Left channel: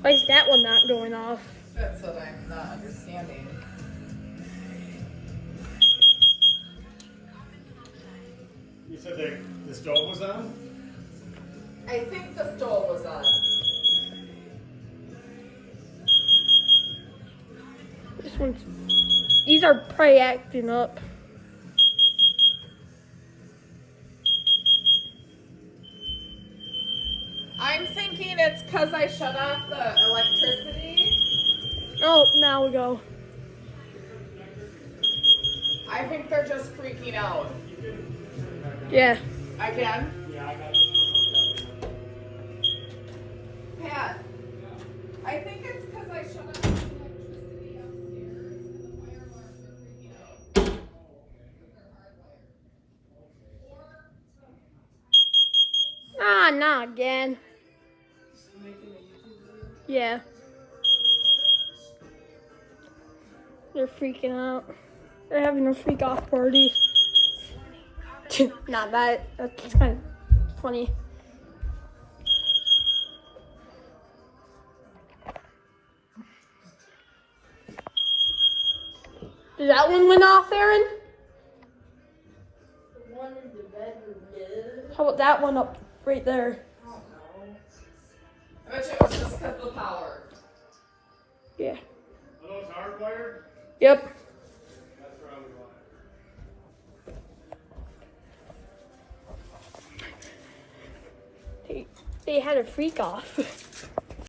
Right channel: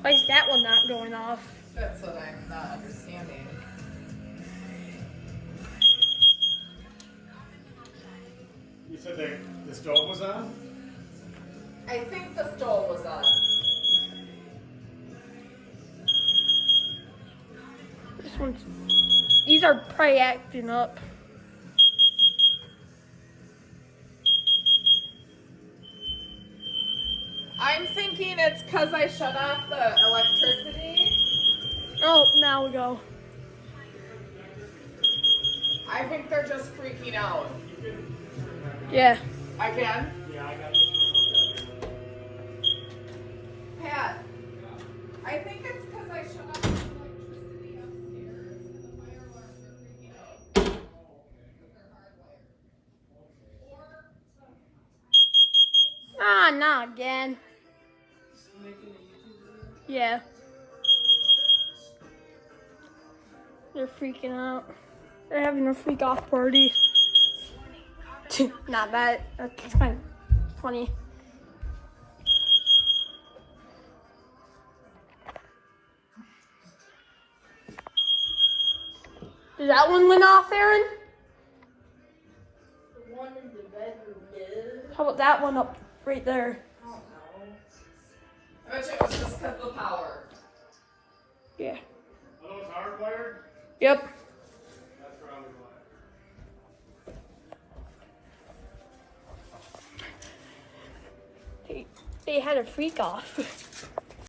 Why is that one not going off? That's what I'm not understanding. You said the stove was on? I think the stove was on. This one's. These are probably acting up. I'm thinking it's because I shut off the electricity. Oh, now we go. I think they're just freaking out. Yeah. I can? Yeah, I got this one. Pat, I think it's because I shut off the electricity upstairs and the fire alarms are freaking out. Ah, not again. Yeah. They're freaking out. They're having a freak off party. Not bad. That's kind of funny. Did that one went off, Aaron? The one in the bedroom did. How about that one up right there? I bet you it was just because of the power. Yeah. Oh, it's hardwired? Yep. That's probably why. They had a freak off.